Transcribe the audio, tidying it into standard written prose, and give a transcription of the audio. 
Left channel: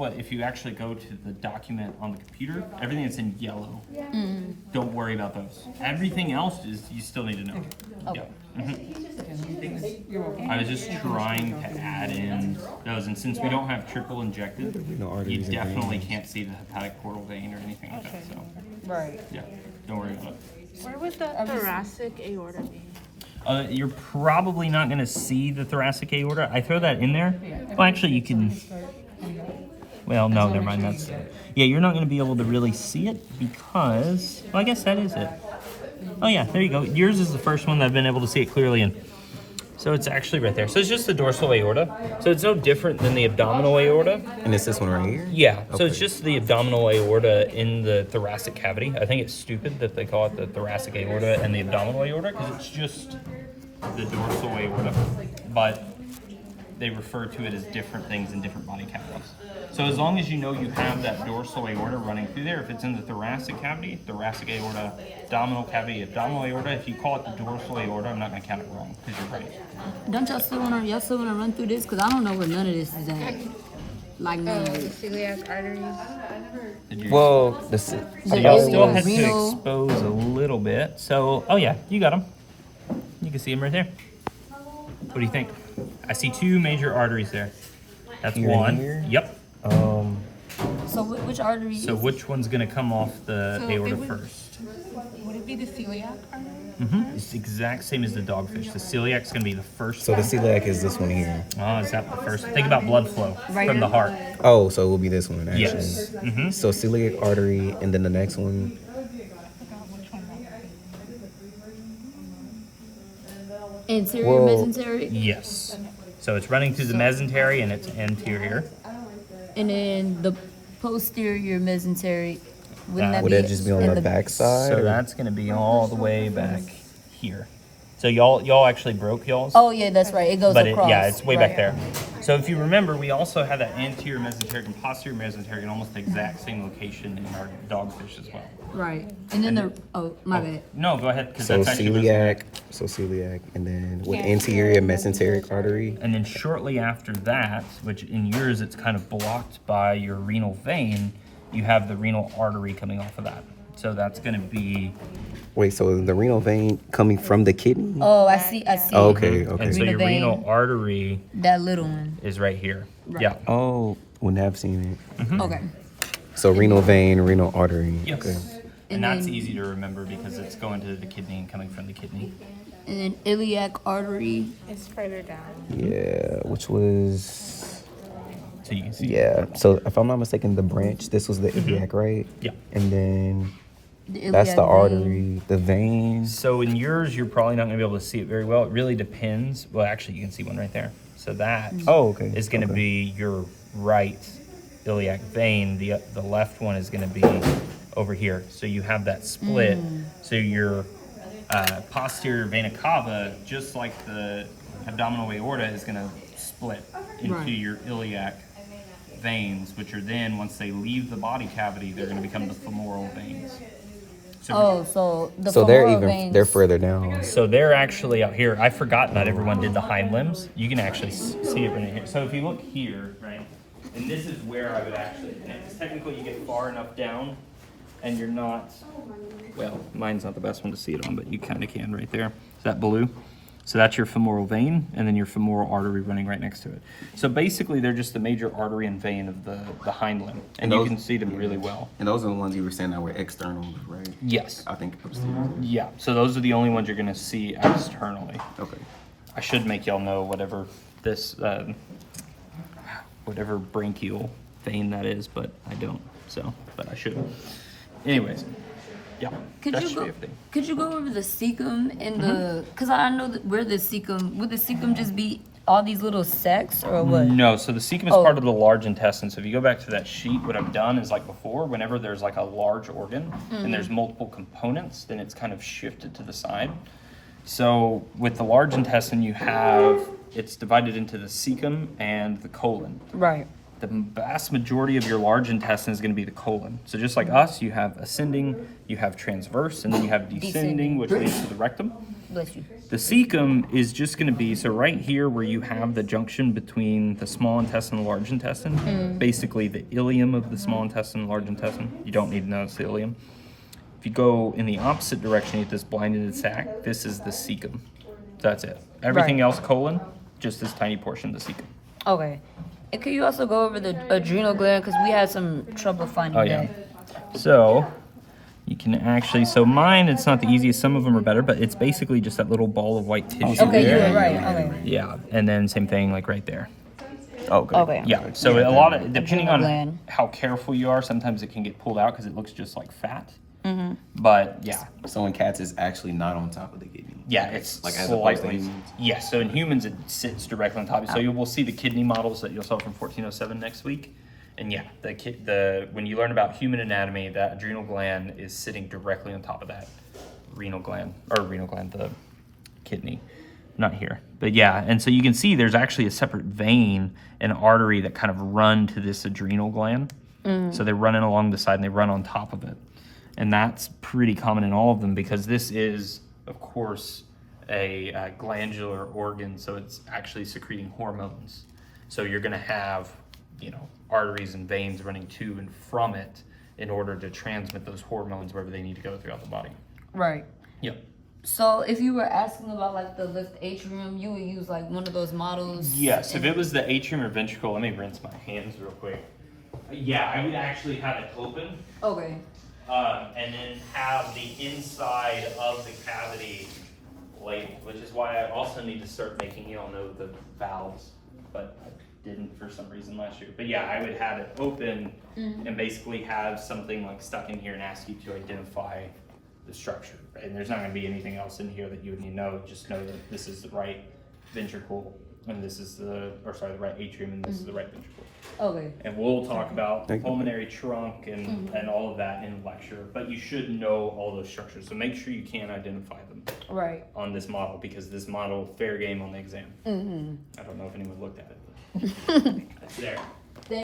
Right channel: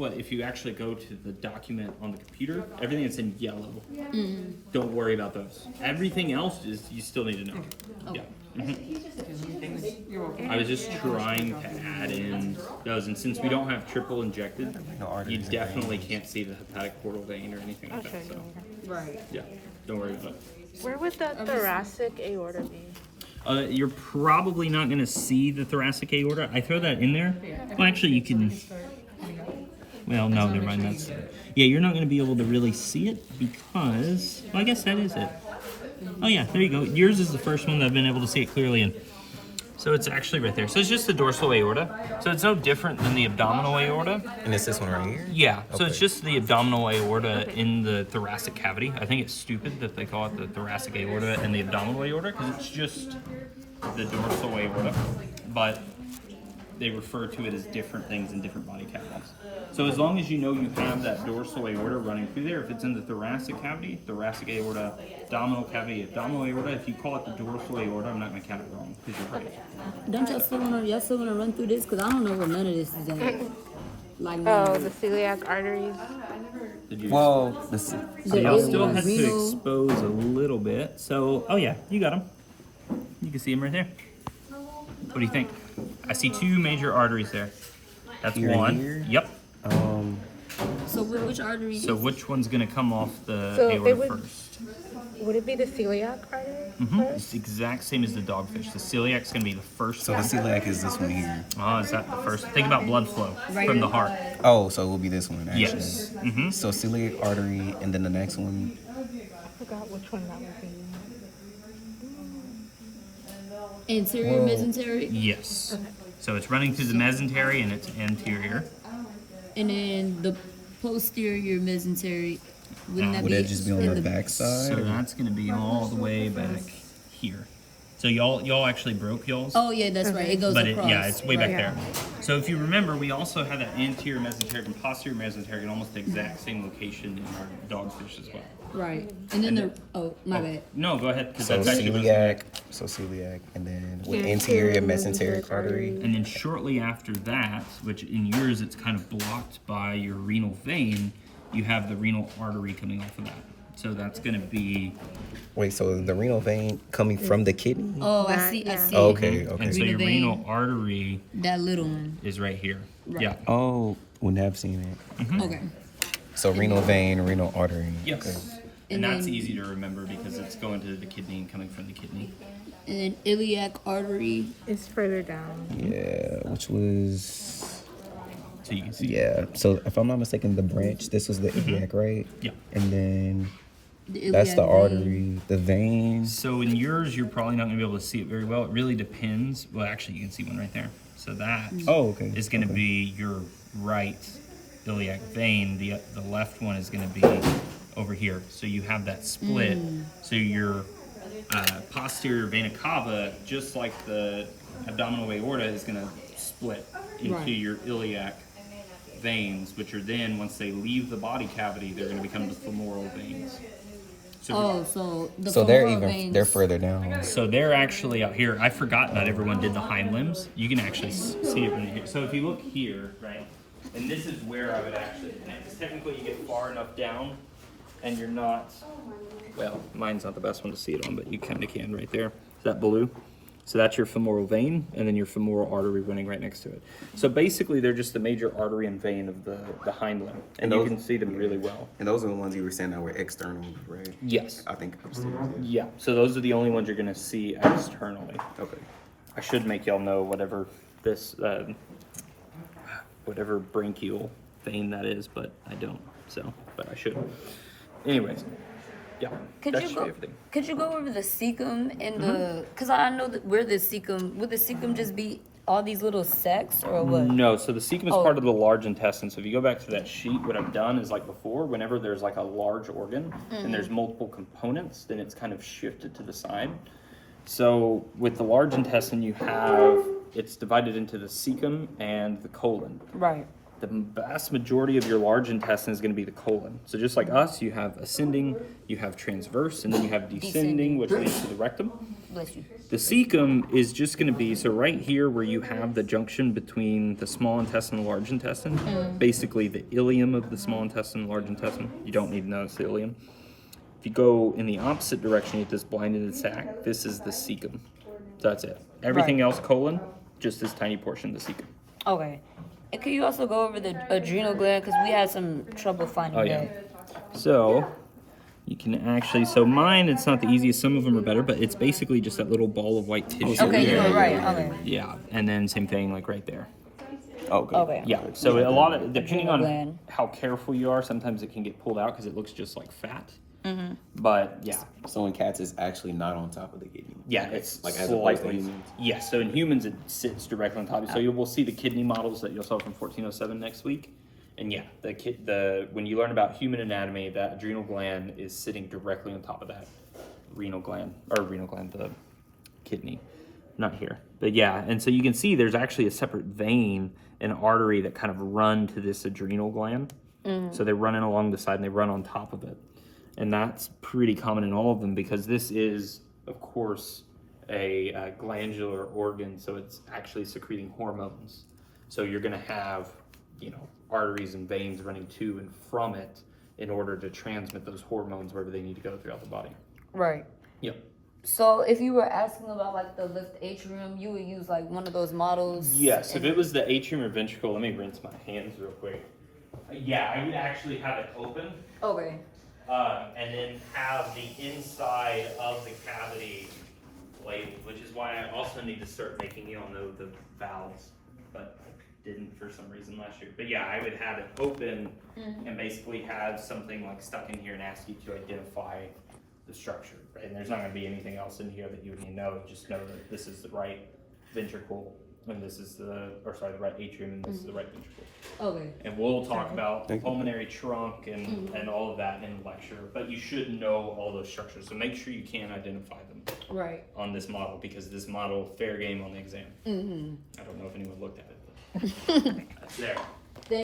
what, if you actually go to the document on the computer, everything that's in yellow, don't worry about those. Everything else is, you still need to know. Okay. Yeah. I was just trying to add in those, and since we don't have triple injected, you definitely can't see the hepatic portal vein or anything like that, so. Right. Yeah, don't worry about it. Where would the thoracic aorta be? You're probably not going to see the thoracic aorta. I throw that in there. Well, actually, you can. Well, no, never mind. That's yeah. You're not going to be able to really see it because. Well, I guess that is it. Oh yeah, there you go. Yours is the first one that I've been able to see it clearly in. So it's actually right there. So it's just the dorsal aorta. So it's no different than the abdominal aorta. And it's this one right here? Yeah. So Okay. it's just the abdominal aorta in the thoracic cavity. I think it's stupid that they call it the thoracic aorta and the abdominal aorta because it's just the dorsal aorta. But they refer to it as different things in different body cavities. So as long as you know you have that dorsal aorta running through there, if it's in the thoracic cavity, thoracic aorta, abdominal cavity, abdominal aorta, if you call it the dorsal aorta, I'm not going to count it wrong because you're right. Don't y'all still wanna run through this? Cause I don't know where none of this is at. Like none Oh, of the it. celiac arteries. Did you, Well, so The y'all still has to renal- expose a little bit. So, oh yeah, you got them. You can see them right there. What do you think? I see two major arteries there. That's Here and one. here? Yep. So which artery? So which one's gonna come off the So aorta it would- first? Would it be the celiac artery? It's the exact same as the dogfish. The celiac's gonna be the first. so the celiac is this one here. Oh, is that the first? Think about blood flow Right from here? the heart. Oh, so it will be this one actually. Yes. Mm-hmm. So celiac artery, and then the next one. I forgot which one that would be. Anterior, Well- mesenteric, Yes. So it's running through the mesentery and it's anterior. and then the posterior mesenteric. Wouldn't that Would be that just be on in the back side? So or- that's gonna be all the way back here. So y'all actually broke y'all's. Oh yeah, that's right. It goes But across. yeah, it's way back Right. there. So if you remember, we also had that anterior mesenteric and posterior mesenteric in almost the exact same location in our dogfish as well. Right. And then the my bad. No, go ahead, because So that's actually celiac, and then with anterior mesenteric artery. And then shortly after that, which in yours it's kind of blocked by your renal vein, you have the renal artery coming off of that. So that's going to be. Wait, so is the renal vein coming from the kidney? Oh, I see. I see. Oh, okay, okay. And so Renal your vein. renal artery That little one. is right here. Right. Yeah. Oh, wouldn't have seen it. Okay. So renal vein, renal artery. Yes. Okay. And that's then- easy to remember because it's going to the kidney and coming from the kidney. And then iliac artery. It's further down. Yeah, which was So you can see. yeah. So if I'm not mistaken, the branch. This was the iliac, right? Yeah. And then The iliac that's the vein. artery, the veins. So in yours, you're probably not going to be able to see it very well. It really depends. Well, actually, you can see one right there. So that Oh, okay. is going to Okay. be your right iliac vein. The left one is going to be over here. So you have that split. So your posterior vena cava, just like the abdominal aorta, is going to split into Right. your iliac veins, which are then, once they leave the body cavity, they're going to become the femoral veins. So Oh, so the So they're femoral even veins. they're further down. So they're actually out here. I forgot that everyone did the hind limbs. You can actually see it right here. So if you look here, right, and this is where I would actually connect. Because technically you get far enough down and you're not, well, mine's not the best one to see it on, but you kind of can right there. Is that blue? So that's your femoral vein, and then your femoral artery running right next to it. So basically they're just the major artery and vein of the hind limb. And you those- can see them really well. And those are the ones you were saying that were external, right? Yes. I think upstairs. Yeah. So those are the only ones you're going to see externally. Okay. I should make y'all know whatever this, whatever branchial vein that is, but I don't. So, but I should. Anyways, yeah, Could that you should go? be everything. Could you go over the cecum and the? Cause I know that where the cecum. Would the cecum just be all these little sacs or what? No, so the cecum is Oh. part of the large intestine. So if you go back to that sheet, what I've done is like before, whenever there's like a large organ and there's multiple components, then it's kind of shifted to the side. So with the large intestine, you have, it's divided into the cecum and the colon. Right. The vast majority of your large intestine is going to be the colon. So just like us, you have ascending, you have transverse, and then you have descending, which leads to the rectum. Bless you. The cecum is just going to be, so right here where you have the junction between the small intestine and large intestine, basically the ileum of the small intestine and large intestine. You don't need to know it's the ileum. If you go in the opposite direction, you get this blinded sac. This is the cecum. That's it. Everything Right. else, colon, just this tiny portion of the cecum. Okay. And can you also go over the adrenal gland? Because we had some trouble finding Oh, yeah. that. So you can actually, so mine, it's not the easiest. Some of them are better, but it's basically just that little ball of white tissue. Okay, you Yeah, were right. yeah, Okay. Yeah, and then same thing like right there. Oh, good. Okay. Yeah, so a lot of, depending Adrenal on gland. how careful you are, sometimes it can get pulled out because it looks just like fat. But yeah, So in cats, it's actually not on top of the kidney. yeah, it's Like as opposed to slightly. humans? Yeah, so in humans it sits directly on top. So you will see the kidney models that you'll sell from 1407 next week. And yeah, the when you learn about human anatomy, that adrenal gland is sitting directly on top of that the kidney, not here. But yeah, and so you can see there's actually a separate vein and artery that kind of run to this adrenal gland. So they're running along the side and they run on top of it. And that's pretty common in all of them because this is, of course, a glandular organ, so it's actually secreting hormones. So you're going to have, arteries and veins running to and from it in order to transmit those hormones wherever they need to go throughout the body. Right. Yep. So if you were asking about like the lift atrium, you would use like one of those models. Yes, if and- it was the atrium or ventricle, let me rinse my hands real quick. Yeah, I would actually have it open. Okay. And then have the inside of the cavity labeled, which is why I also need to start making you all know the valves, but I didn't for some reason last year. But yeah, I would have it open and basically have something like stuck in here and ask you to identify the structure. Right? And there's not going to be anything else in here that you would need to know. Just know that this is the right ventricle and this is the right atrium and this is the right ventricle. Okay. And we'll talk about the Thank you. pulmonary trunk and all of that in the lecture, but you should know all those structures. So make sure you can identify them Right. on this model because this model, fair game on the exam. I don't know if anyone looked at it, but it's there.